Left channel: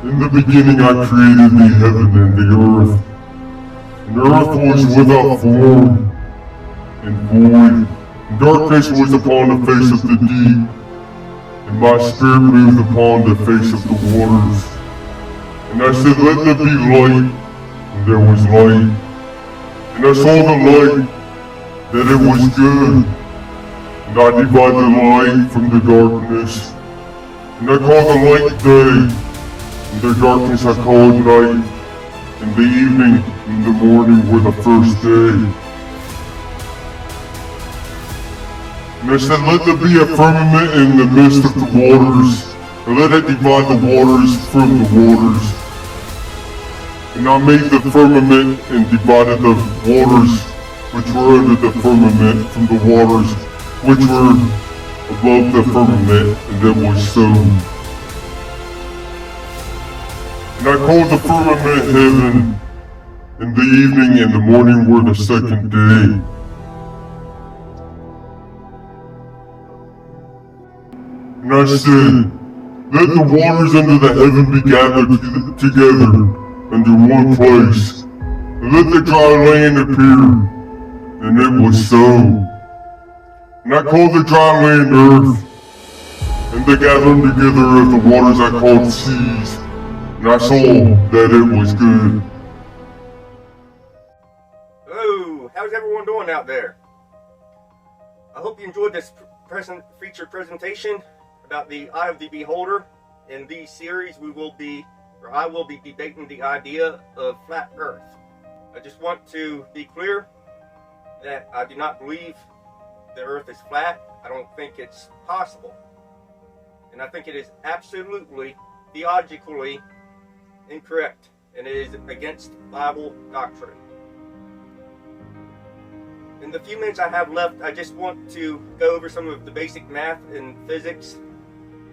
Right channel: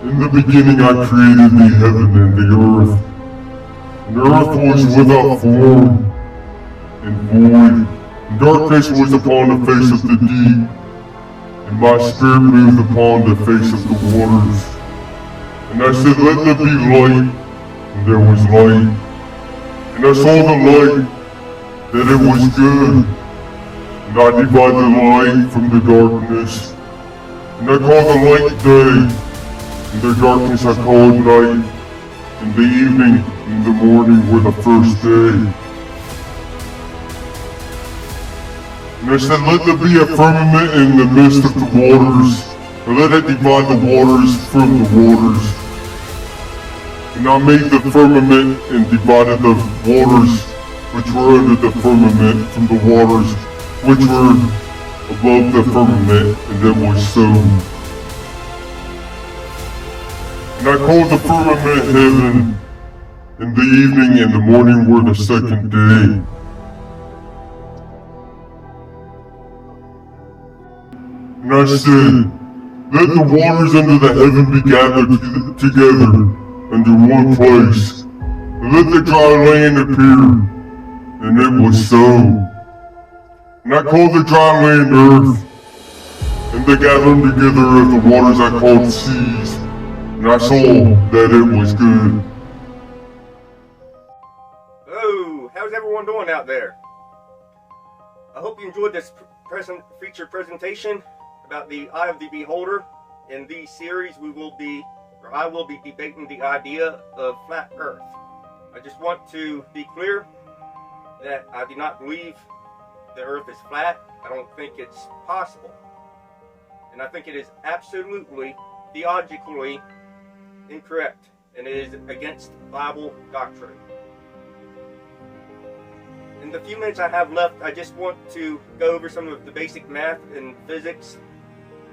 In the beginning I created the heaven and the earth. And the earth was without form and void, and darkness was upon the face of the deep, and my spirit moved upon the face of the waters. And I said, let there be light, and there was light. And I saw the light, that it was good. And I divided the light from the darkness. And I called the light day, and the darkness I called night. And the evening and the morning were the first day. And I said, let there be a firmament in the midst of the waters, and let it divide the waters from the waters. And I made the firmament and divided the waters which were under the firmament from the waters which were above the firmament, and it was so. And I called the firmament heaven, and the evening and the morning were the second day. And I said, let the waters under the heaven be gathered together under one place, and let the dry land appear. And it was so. And I called the dry land earth, and the gathering together of the waters I called seas. And I saw that it was good. Hello, how's everyone doing out there? I hope you enjoyed this featured presentation about the Eye of the Beholder. In these series, I will be debating the idea of flat Earth. I just want to be clear that I do not believe the Earth is flat. I don't think it's possible. And I think it is absolutely, theologically incorrect, and it is against Bible doctrine. In the few minutes I have left, I just want to go over some of the basic math and physics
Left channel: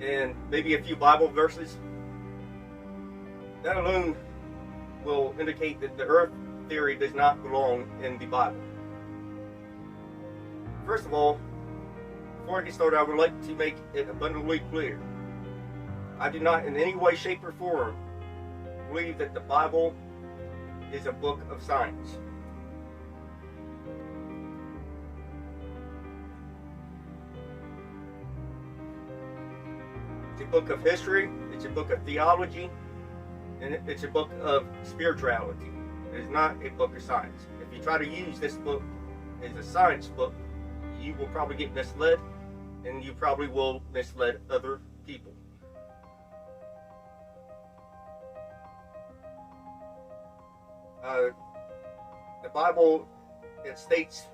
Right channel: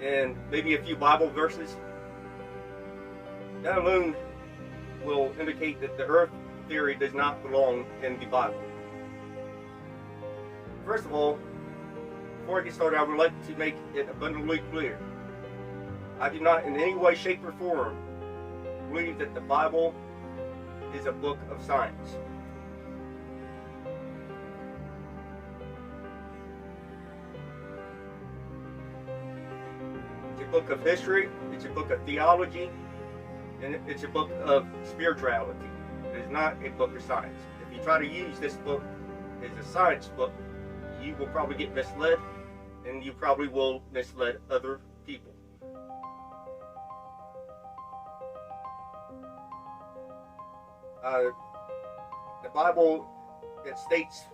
and maybe a few Bible verses. That alone will indicate that the Earth theory does not belong in the Bible. First of all, before I get started, I would like to make it abundantly clear. I do not in any way, shape, or form believe that the Bible is a book of science. It's a book of history, it's a book of theology, and it's a book of spirituality. It is not a book of science. If you try to use this book as a science book, you will probably get misled, and you probably will mislead other people. The Bible, it states,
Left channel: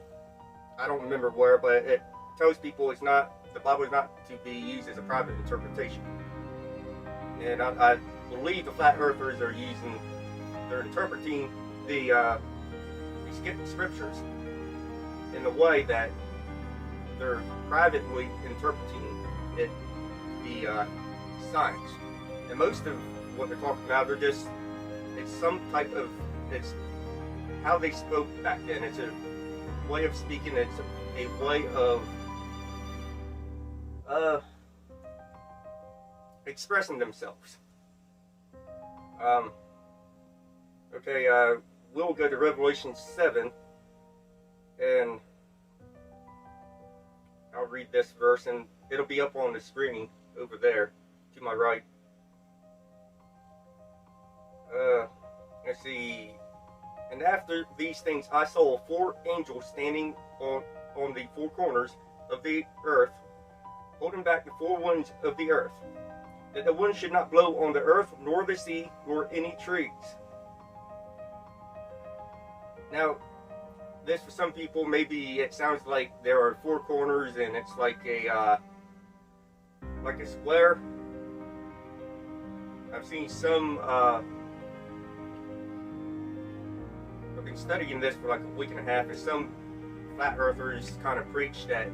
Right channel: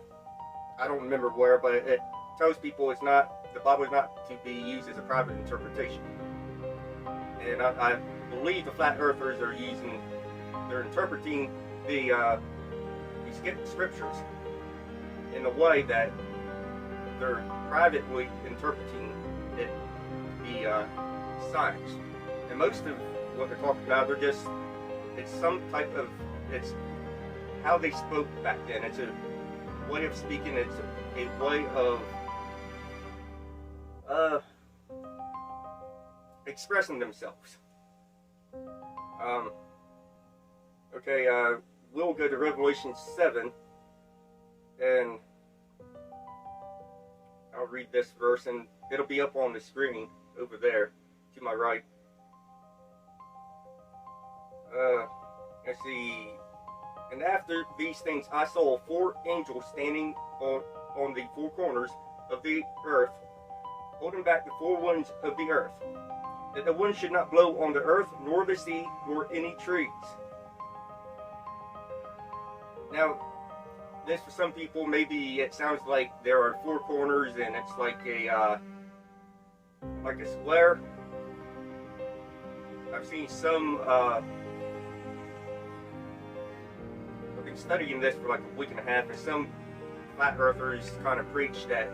I don't remember where, but it tells people the Bible is not to be used as a private interpretation. And I believe the flat earthers they're interpreting the scriptures in a way that they're privately interpreting it to be science. And most of what they're talking about it's how they spoke back then. It's a way of speaking, it's a way of expressing themselves. We'll go to Revelation 7, and I'll read this verse, and it'll be up on the screen over there to my right. Let's see. And after these things, I saw 4 angels standing on the 4 corners of the earth, holding back the 4 winds of the earth, that the wind should not blow on the earth, nor the sea, nor any trees. Now, this for some people, maybe it sounds like there are 4 corners and it's like a square. I've seen some. I've been studying this for like a week and a half, and some flat earthers kind of preach that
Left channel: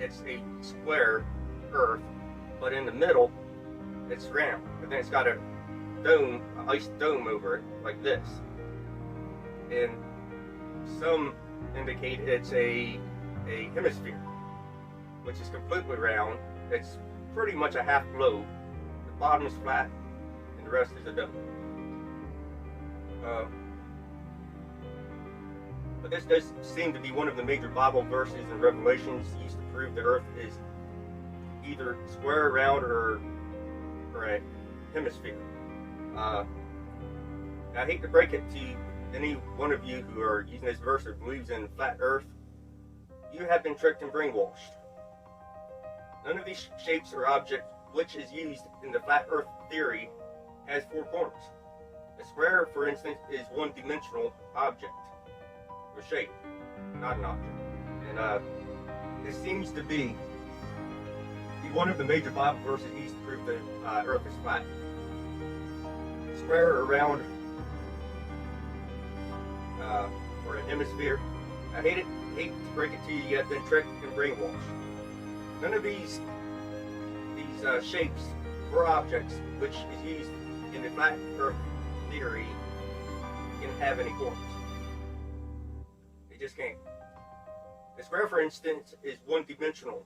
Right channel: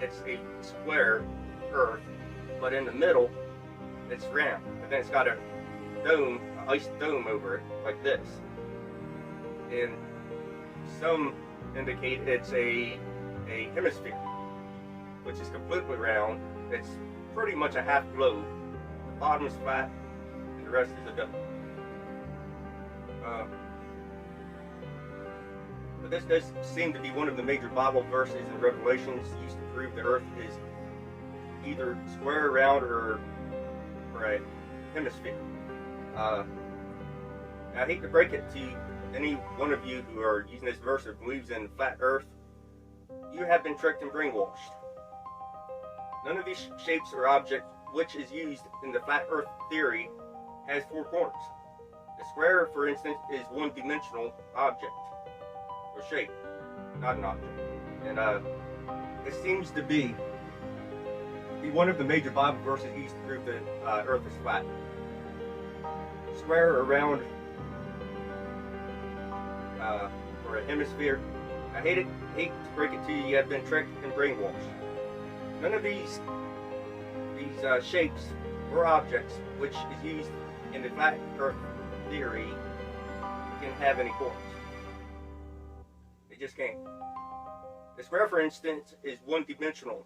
it's a square earth, but in the middle it's round, and then it's got a dome, an ice dome over it, like this. And some indicate it's a hemisphere, which is completely round. It's pretty much a half globe. The bottom is flat, and The rest is a duh. But this does seem to be one of the major Bible verses in Revelations used to prove the earth is either square, round, or a hemisphere. I hate to break it to any one of you who are using this verse or believes in flat earth. You have been tricked and brainwashed. None of these shapes or objects which is used in the flat earth theory has four corners. A square, for instance, is one-dimensional object or shape, not an object. And this seems to be one of the major Bible verses used to prove that earth is flat. Square or round, or a hemisphere. I hate to break it to you, you have been tricked and brainwashed. None of these shapes or objects which is used in the flat earth theory can have any corners. It just can't. The square, for instance, is one-dimensional,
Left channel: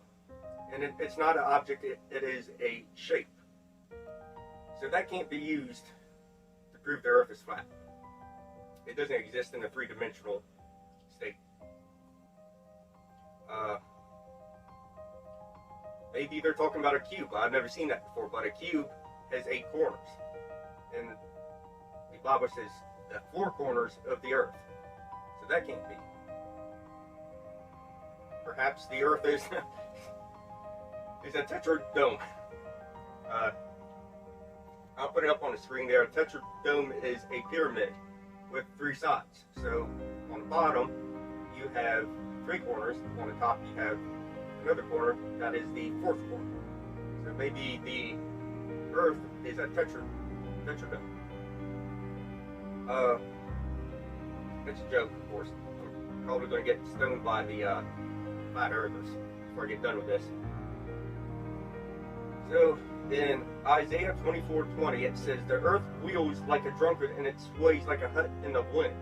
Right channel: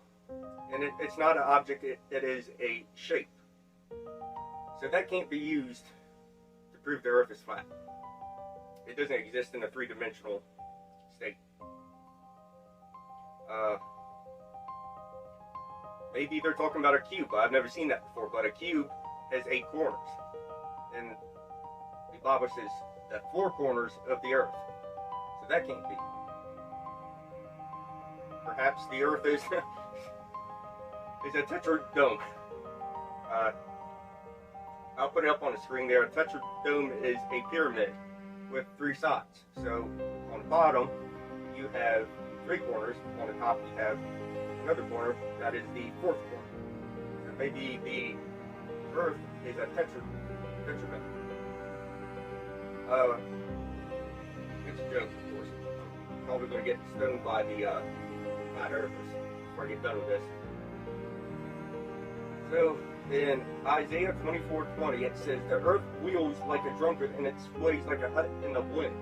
and it's not an object, it is a shape. So that can't be used to prove the earth is flat. It doesn't exist in a three-dimensional state. Maybe they're talking about a cube. I've never seen that before, but a cube has 8 corners. And the Bible says the 4 corners of the earth. So that can't be. Perhaps the earth is a tetradome. I'll put it up on the screen there. A tetradome is a pyramid with 3 sides. So on the bottom, you have 3 corners. On the top, you have another corner. That is the 4th corner. So maybe the earth is a tetradome. It's a joke, of course. I'm probably going to get stoned by the flat earthers before I get done with this. So in Isaiah 24:20, it says, "The earth wheels like a drunkard, and it sways like a hut in the wind."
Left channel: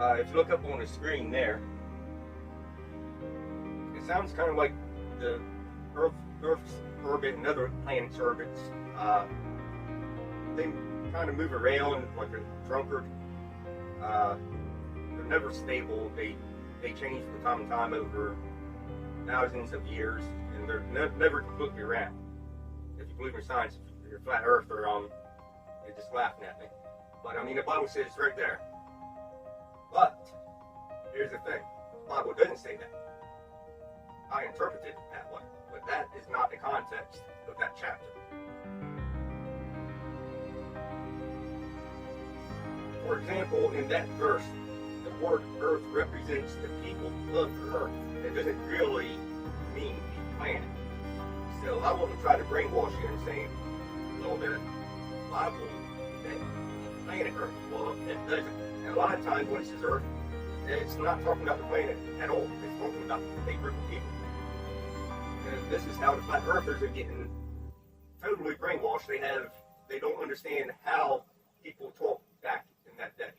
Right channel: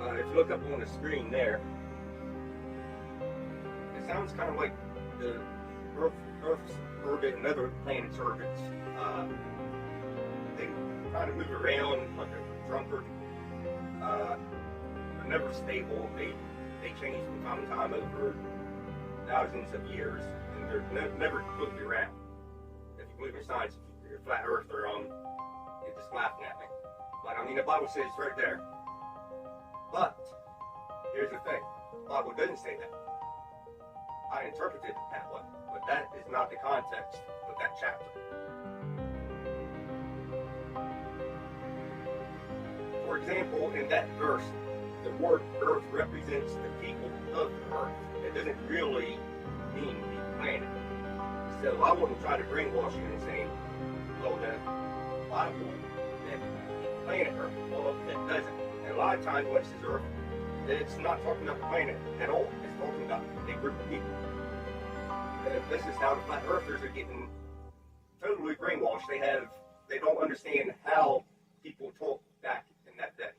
If you look up on the screen there, it sounds kind of like the Earth's orbit and other planets' orbits. They kind of move around like a drunkard. They're never stable. They change from time to time over thousands of years, and they're never completely round. If you believe in science, if you're a flat earther, you're just laughing at me. But I mean, the Bible says right there. But here's the thing: the Bible doesn't say that. I interpreted it that way, but that is not the context of that chapter. For example, in that verse, the word earth represents the people of the earth. It doesn't really mean the planet. So I wouldn't try to brainwash you and say, oh, the Bible, that the planet earth, well, it doesn't. And a lot of times when it says earth, it's not talking about the planet at all. It's talking about a group of people. And this is how the flat earthers are getting totally brainwashed. They don't understand how people talk back in that day.